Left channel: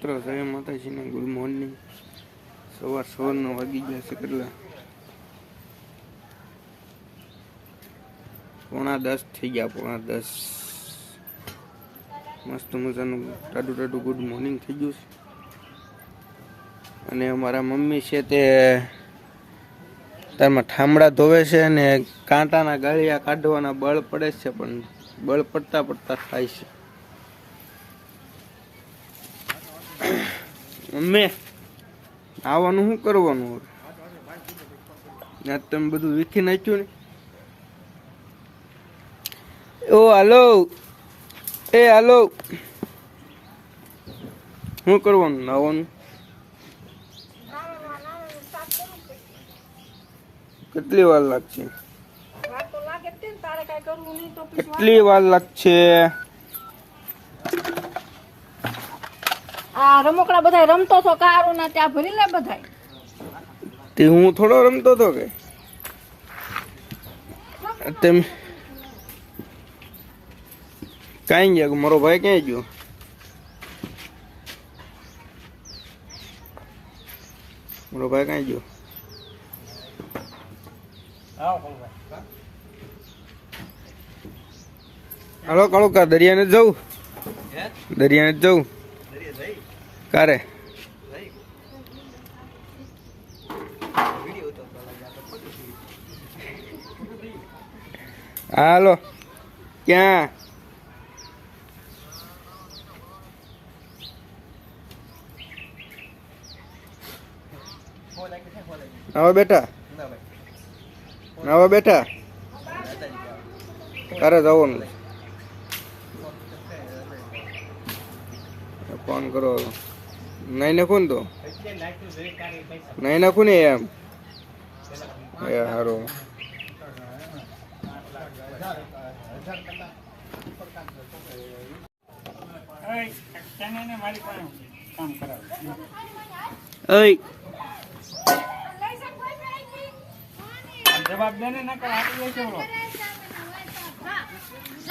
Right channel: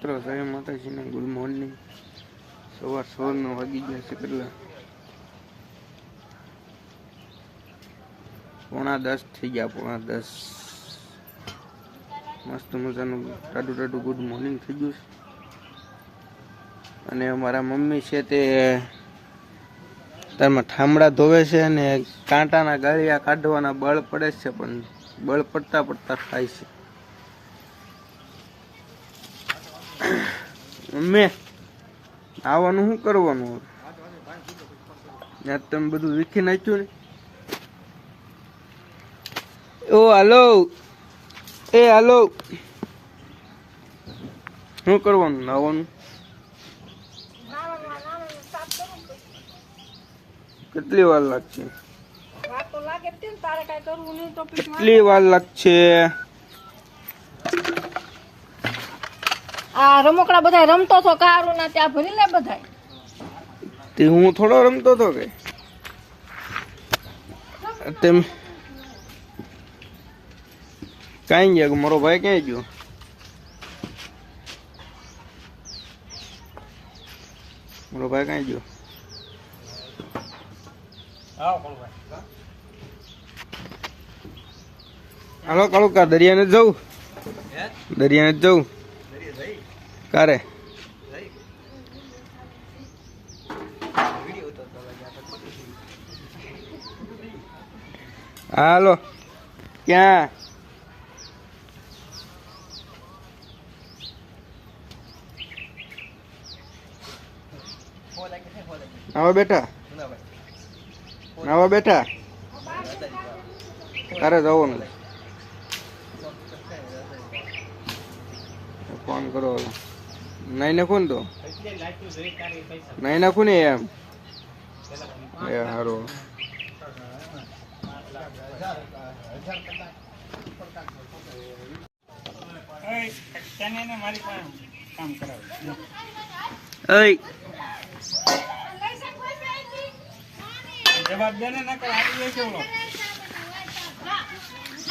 મિત્રો, જય માતાજીને ગુડ મોર્નિંગ. સવાર સવારના વાગી ગયા છે કેટલા? પોણા દસ થઈ ગયા, પોણા દસ. મસ્ત મજાનું ટાડું ટાડું ગુડ મોર્નિંગ થઈ ગયું છે. અને અમારા મમ્મી છે તે તારમાં ઠામડા ધોવે છે અને કાંટાના ગાળિયા કાઢવાના બળ પડે છે, પણ બળ પડતા પડતા થાય છે. મમ્મી આવવાનું શું કરવાનું હવે? ત્યાં તમે બધું વીખી નાખ્યું ને. ઓ હાલો. એ હાલો. શું કરવાનું નાવાનું? કેટલી વાર લાગશે? કેટલી વાર લાગશે? આ રમકડા બધા રમતો તો કારો ના ત્યાં ભરી લે બધા તે હું થોડો રમતો તો કે. તેમ કાંઈ ગયા મારો ભાઈ ક્યાં ગયો? મારો ભાઈ ક્યાં ગયો? હાલો કાળો કા દરિયાને જવું? દરિયાને જવું? કારે? હાલો ક્યાં? નવા બેઠા? નવા બેઠા? તારે જવાનું ફોન કરો નહીં નાખું ને તો? નહીં નાખું ને એમ? એ સારું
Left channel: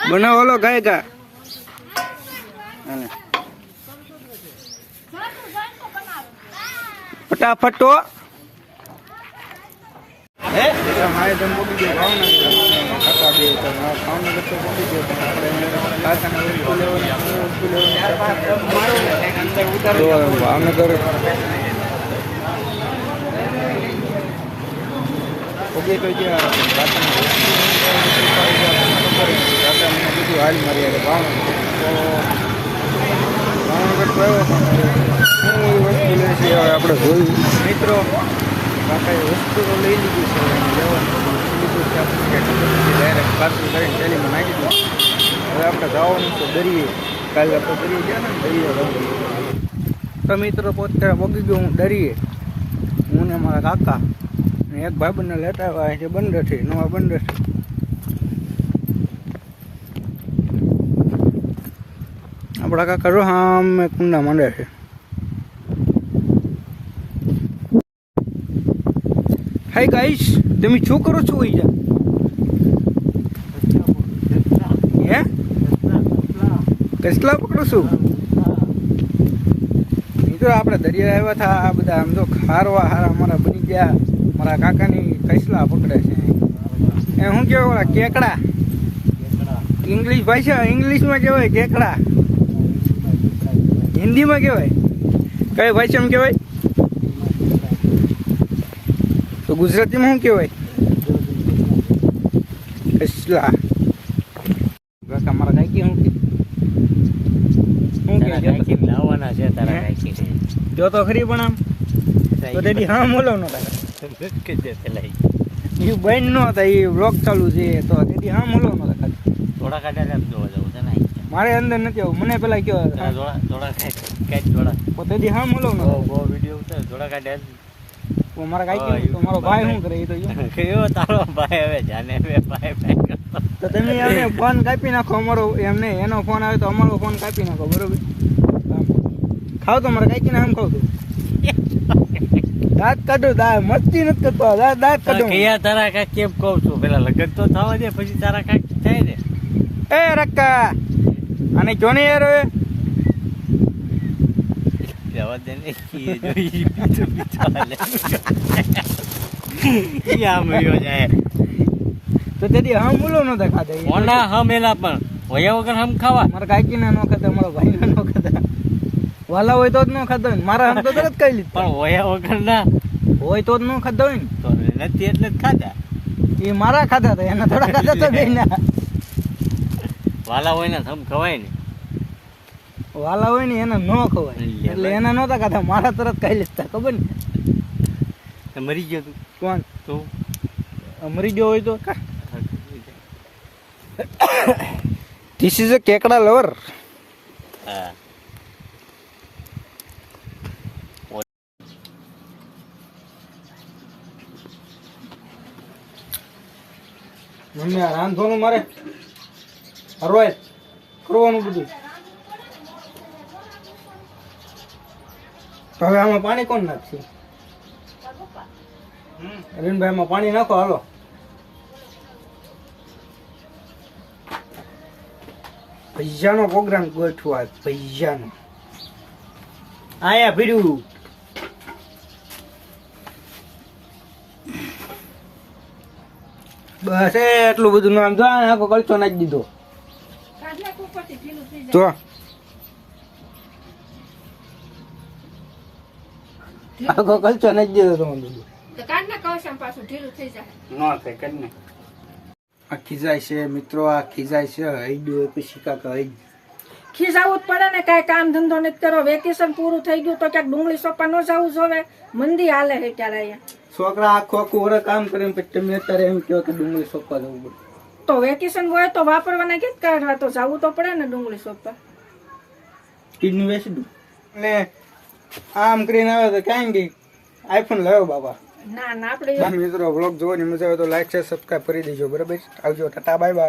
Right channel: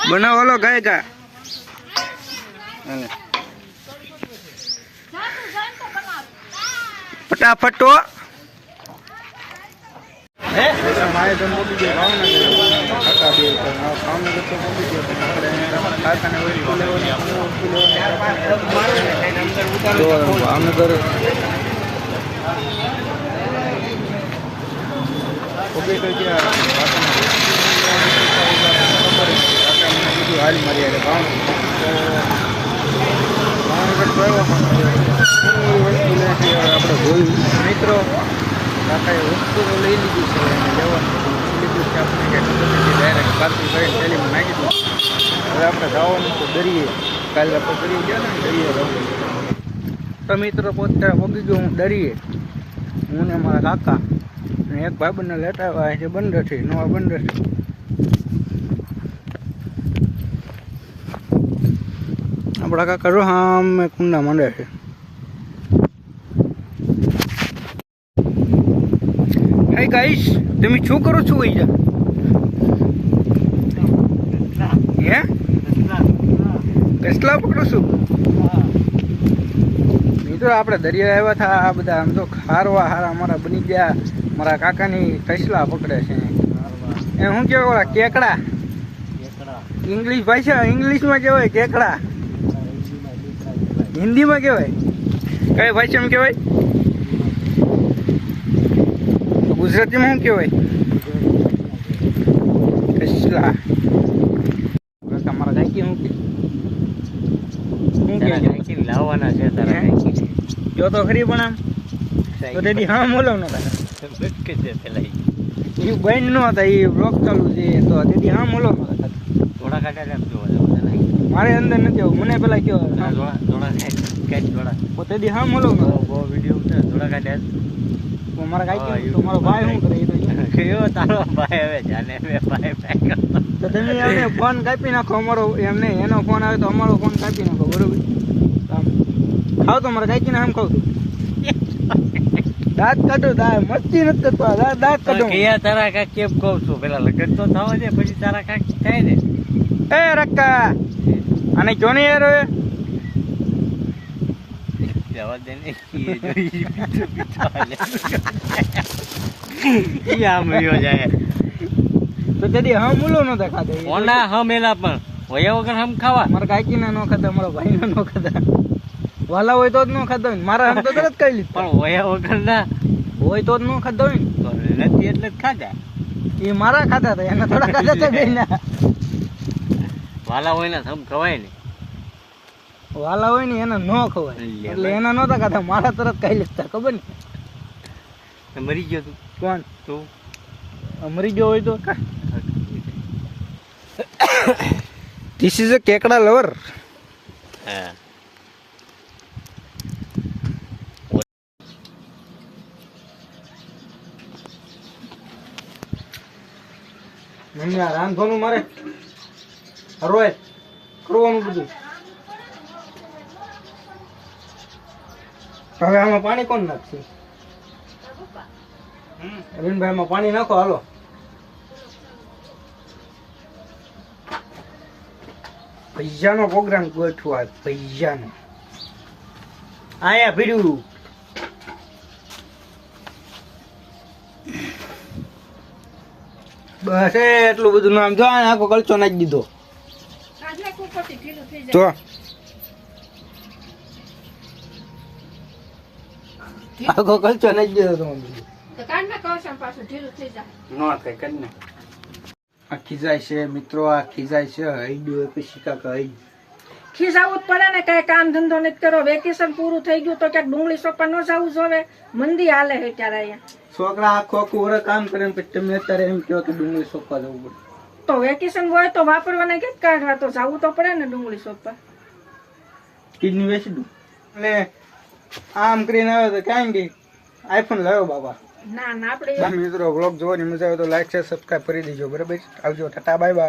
બનાવો ગાય ગા. ફટાફટ. તો ભાવનગર. ભાવનગર તો ગયો ભાવનગર. ઓકે હાલ મારી આવે ભાવનગર. તો ભાવનગર તો પણ એવી વસ્તુ લે આપણે મિત્રો, કાકાએ વસ્તુ તો લઈ લીધી છે એને લેવાની લીધું છે ડાયરેક્ટ પાર્સલ કરીને થેલીમાં નાખી દીધું. હવે આપણે જવાનું છે દરિયે. કાલે આપણે દરિયે ગયા ને, દરિયે તો મિત્રો, પોતે પગી ગયો હું દરિયે. હું ને મારા કાકા. અને એક ભાઈબંધને લેતા આવ્યા છે બંદરથી, નવા બંદરથી. આપણા કાકા જો સામે કુંડા માંડે છે. હાય ગાઈસ તમે શું કરો છો અહીંયા? હે? કસલા પકડો છું? મિત્રો આપણે દરિયા આવ્યા હતા. આ બધા આમ તો ખારવા હારા અમારા બની ગયા. મારા કાકાની કસલા પકડે છે. એ શું કહેવાય કેકડા? ઇંગ્લિશ ભાષા ઇંગ્લિશમાં કહેવાય કેકડા. હિન્દીમાં કહેવાય? કઈ ભાષામાં કહેવાય? તો ગુજરાતીમાં શું કહેવાય? કસલા. કાકા મારા કાકી કે? શું? લાવવાના છે તારા હે? જો તો ખરી પણ આમ. તો તેથી હા બોલો ન એ બેન ન હતા એ બ્લોક ચાલુ છે તો તેથી હા બોલો થોડા કાઢ્યા જોવા મારે અંદર નથી આવું. મને પેલા કયો પોતે કાઢ તો તેથી હા મળો ને. બહુ વીડિયો ઉતાર થોડા કાઢ્યા મારા કાકી તો મારો ભાઈ શું કરે એ તો કયો તારો ભાઈ હવે? જાને ભાઈ તો તમે એમને ફોન કાપી નાખો. અમારો એમને એનો ફોન આવે તો અમારો ફોન કાપી નાખો. બરોબર. ખાવ તો મારા કાકીને આમ ખાવ તું. દાંત કાઢો દા મસ્તી નથી કરતો. દાંત દાંત કાઢો. કયા તારા કાક કેમ કહું છું? પેલા લગ્ન તો થવા દે પછી તારા કાક થાય ને. એ રક્કા! અને જોની યાર હવે? ને. તો તેથી હમ મૂલો નતા ખાતા એ ઓના હમ એલા પણ. વયા વગર હમ ખાવા. મારા કાકીના નો ખાતા મારા ભાઈના નો ખાતા વાલા હોય તો જ નો ખાતા હોય. ને. મારા હમ તો તરત કહી લીધું. પણ વયા વગર ના. હોય તો જ નો ખાતા હોય ને. તો નથી એટલે જ ખાધા. એ મારા ખાતા હતા એના થોડા ખાતા હતા. વાલા હોય ને હમ ખવાય ને. વાલા હોય ને એના ન ખવાય. એટલે એના નહોતા ખાતા મારા તરત ખાઈ લેતા ખબર ને? મરી ગયો તું. કોણ? તું? મરી ગયો હોય તો ધીસ ઇઝ અ કેકડા લવર હા. રાંધવાનું મારે? હરવાય કરવાનું બધું. હવે આમાં પાણી કોણ નાખશે? અરવિંદભાઈ આમાં પાણી નાખો, હાલો. પૈસાનો પ્રોગ્રામ ગોઠવો આ પૈસાનો. આયા ભીડ્યું બસ, એટલું બધું નામ જો આખો કલચો નાખી દીધો. જો જાય આખો કલચો દીધો તો આ ખીજાય છે મિત્રો આ ખીજાય છે હૈડું એ પછી કાકા હૈડ ખીજાવું જ પડે ને કાંઈ કામ ધંધો નથી કરો. વેકેશન પૂરું થઈ ગયું તો ક્યાંક ડુંગળી સોપા ન જવું જોવે મંદી હાલે છે ત્યારે અહીંયા. છોકરા આખો આખું કામ કરે પછી તમે અત્યારે એમ કહો કે ડુંગળી સોપા જવું પડે. તો વેકેશન હોય તો વાપરવાના કે કાઢવા તો જવું તો પડે ને ડુંગળી સોપા કિડની વેચી દઉં. અને આમ કરીને આવ્યો તો કાંઈ બી આઈફોન લાવ્યો બાબા ના ના આપણે મિત્રો વ્લોગ જોવાની મજા આવે તો લાઈક શેર સબસ્ક્રાઈબ કરી દેજો. બરાબર? આવજો ટાટા બાય બાય